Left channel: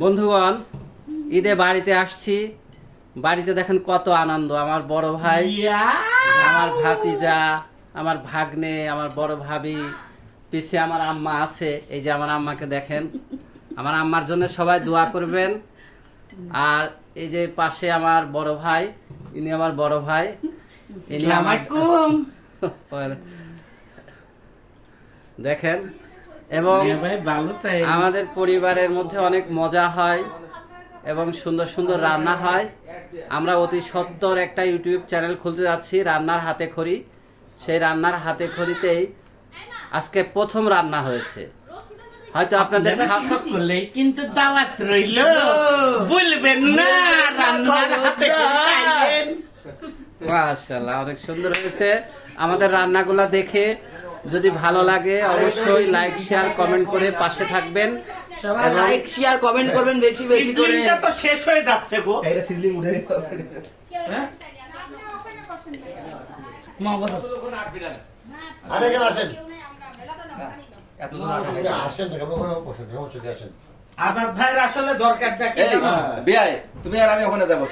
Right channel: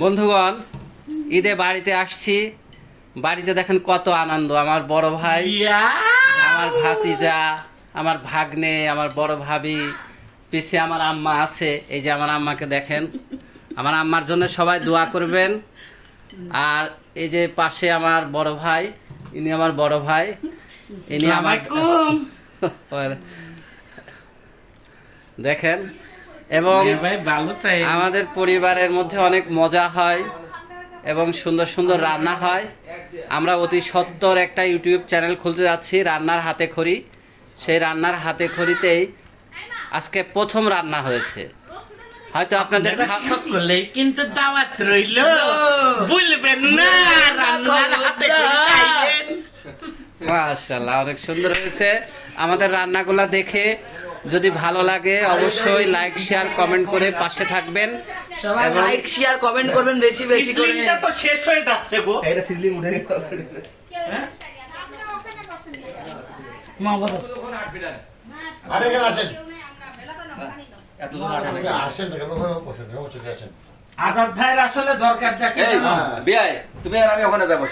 বন্ধুগণ, ঈদে বাড়িতে আসছি। বাড়িতে দেখেন কত আনন্দ। আমার বড় ভাই, আমার ভাতিজা, আমার ভাগ্নে, আমার বড় ভাবি, পিছে আমার আম্মা আছে। এই যে আমার আম্মাকে দেখেন। আমার আম্মার জন্য সবাই দোয়া করবেন। আর এই যে পাশে আমার বড় ভাই, ইনি আমার বড় ভাই, ইনি আমার দেখেন। এবং আমাদের পরিবারের মধ্যে অনেক মজা হয় এবং সুন্দর সুন্দর রান্না হয়। আমরা অতি সত্বর একটা ইউটিউব চ্যানেল খুলতে যাচ্ছি, রান্নার হাতে খড়ি। সেই রান্নার হাতে খড়িতেই আজকে প্রথম রান্না হয়েছে। হয়তো আপনাদের সকলেই কিন্তু দাওয়াত রইল, বলবেন না রান্নার হাতে খাইবেন। মাশাআল্লাহ, অনেক সুন্দর হয়েছে। আমাদের রান্নাগুলো দেখে যদি ভালো লাগে অবশ্যই লাইক শেয়ার কমেন্ট করে পাশে থাকবেন। সবাই লাইক শেয়ার কমেন্ট করবেন বেশি বেশি করে। সিজলিংটা তো শেষ হয়ে যাচ্ছে গো। এটা সিজলিং উঠে গেছে। মা বলো আরে কেন আসেন? এতজন আসেন আসেন তো কেন বসে আসেন? আজাদ ভাইয়ের আসলে দরকার দেখে এই বিয়াই তুমি আর আমি ওখানে যাবো।